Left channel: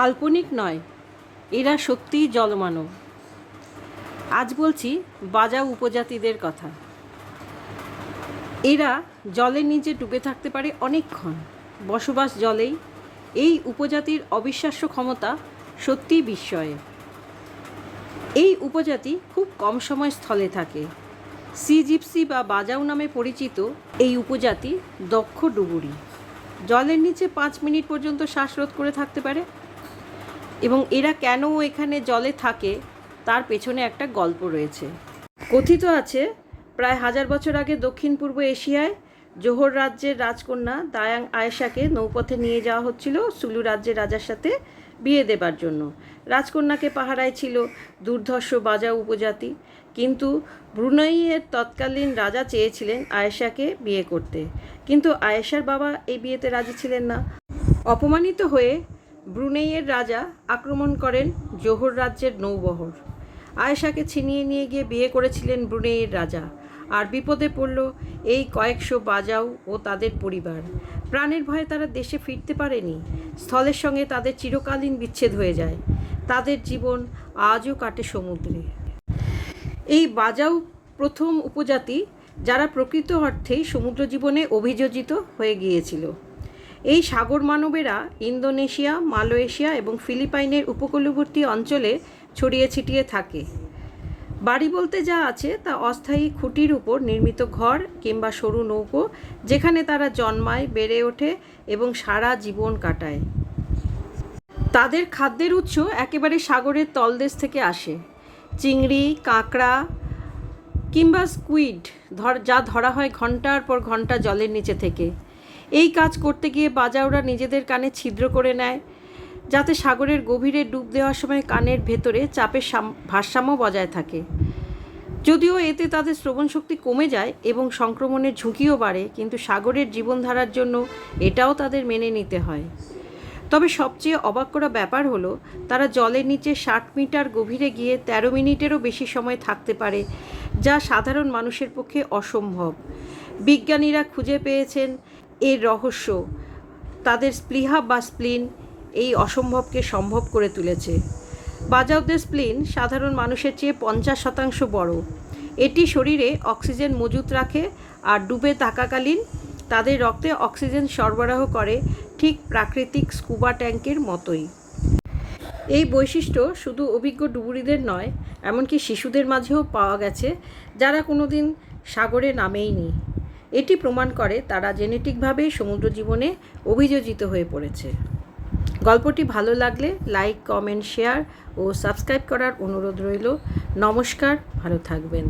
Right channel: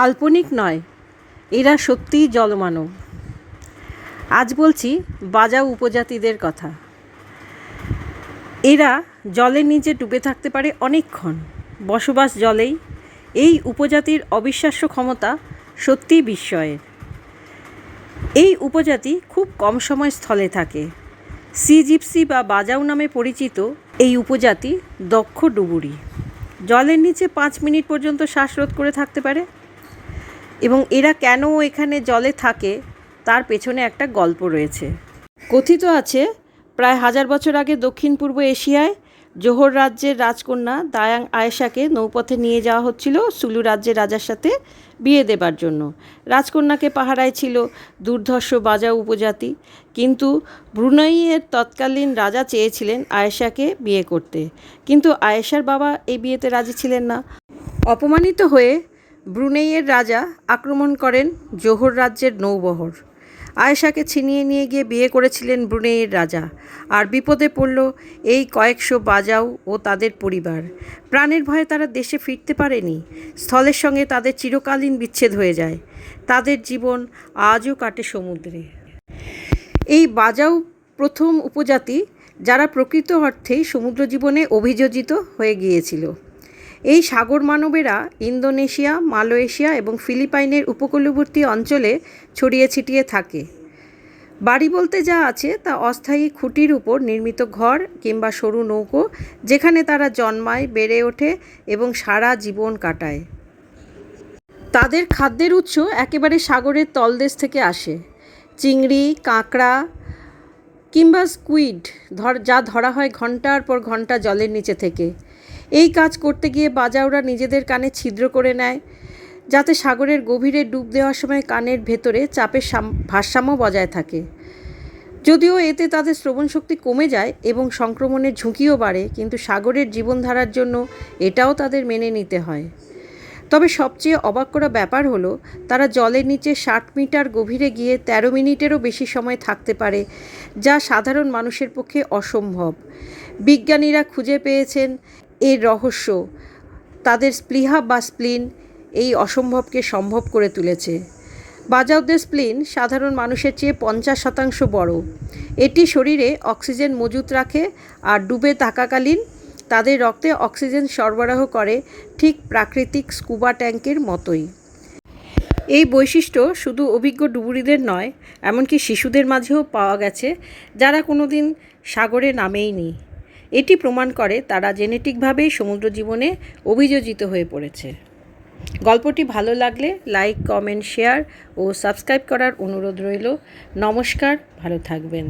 কাল্পনিক নয়, এরা সত্যিই জলমানব। আজ বলছি বাজাও উপজাতিদের কথা। এরা জলের নিচে ডুবে থাকতে পারে অনেকক্ষণ। বসবাস জলেই এই উপজাতির অবিশ্বাস্য ক্ষমতা সত্যিই বিস্ময়ের এই উপজাতি খুব কম সময় স্থলে থাকে। সি জিপসি বা বাজাও নামে পরিচিত এই উপজাতি দক্ষ ডুবুরি। জলের নিচে পাঁচ মিনিট পর্যন্ত শ্বাসরোধ করে থাকতে পারে এবং এরা কেন এখানে জলে থাকে, তার পেছনে একটা গল্প রয়েছে। কথিত আছে, প্রায় হাজার বছর আগে দক্ষিণ পূর্ব এশিয়ায় জোহর রাজ্যের রাজকন্যা দায়াং আয়েশাকে নৌপথে নিয়ে যাওয়া হচ্ছিল সুলু রাজ্যের রাজার সাথে বিয়ে দেবার জন্য। রাজকন্যাকে পাহারায় ছিল দুর্ধর্ষ বাজা উপজাতি, কিন্তু ব্রুনাইয়ের তৎকালীন রাজা চেয়েছিলেন আয়েশাকে বিয়ে করতে। কিন্তু আয়েশার বাবা এই বিয়েতে রাজি ছিলেন না। অপমানিত হয়ে ব্রুনেইয়ের রাজা আক্রমণ করেন জোহর রাজ্যের নৌবহর। আয়েশাকে ছিনিয়ে নিয়ে গিয়ে বিয়ে করেছিলেন ব্রুনেইয়ের রাজা। আর বিপদে পড়ল এই কয়েকশো বাজাও ও তাদের পরিবার। প্রাণের ভয়ে তারা দেশে ফিরতে পারেনি। স্থলের সঙ্গে তাদের চিরকালীন বিচ্ছেদ হয়ে যায়। তাদের জীবন আজও কাটে সমুদ্রে। এই বাজাও প্রথম উপজাতি যারা প্রকৃত অর্থেই সমুদ্র জীবনে অভিযোজিত হয়ে গিয়েছিল। এই সাগর মানবেরা ইন্দোনেশিয়া, মালয়েশিয়া এবং ফিলিপাইনের উপকূলবর্তী অঞ্চলে ছড়িয়ে ছিটিয়ে থাকে। বাড়ি বলতে যা আছে তা অস্থায়ী খুঁটির উপর নির্মিত ঘর কিংবা সরু নৌকো, যেখানে তারা জন্মায়, বেড়ে ওঠে এবং সারা জীবন কাটায়। তাদের খাদ্যের উৎস একেবারে সাগরের তলদেশ থেকে আসে। চিংড়ি, কাঁকড়া কিংবা স্কুইড ধর, যা ধরা হয় ঘণ্টার পর ঘণ্টা জলের নিচে থেকে। এই কাজ করতে গিয়ে বাজাওরা নিজেদের কানে ছিদ্র করে নেয়, যাতে সাগরের গভীরে ডুব দেওয়ার সময় কানের ভেতরে চাপের সাম- ভারসাম্য বজায় থাকে। যদিও এতে তাদের শ্রবণ শক্তি কমে যায় এবং সংক্রমণের ঝুঁকিও বাড়ে, কিন্তু সাগরের জীবনধারার জন্য এটাও তাদের মেনে নিতে হয়। তবে সবচেয়ে অবাক করা ব্যাপার হলো, তারা জলের নিচে ষাট মিটার গভীরে গিয়ে ১৩ মিনিটেরও বেশি সময় থাকতে পারে, যা সাধারণ মানুষের পক্ষে অসম্ভব। বিজ্ঞানীরা খুঁজে পেয়েছেন এর রহস্য। তাদের স্পৃহা বা স্প্লিন এই অসম্ভবকে সম্ভব করে তুলেছে। বাজাওদের স্প্লিন সাধারণ মানুষের চেয়ে পঞ্চাশ শতাংশ বড়। এটি শরীরে অক্সিজেন মজুত রাখে আর ডুবে থাকাকালীন তাদের রক্তে অক্সিজেন সরবরাহ করে ঠিক প্রাকৃতিক স্কুবা ট্যাঙ্কের মতোই। এই বৈশিষ্ট্য শুধু অভিজ্ঞ ডুবুরিদের নয়, এমনকি শিশুদের মাঝেও পাওয়া গেছে, যারা কোনোদিন সাগরে নামেইনি। এটি প্রমাণ করে তারা জেনেটিকভাবেই সমুদ্র জীবনে অভিযোজিত হয়ে পড়েছে। গল্পটি ভালো লাগলে লাইক, কমেন্ট, শেয়ার ও সাবস্ক্রাইব করার অনুরোধ রইল। নমস্কার, ভালো থাকবেন।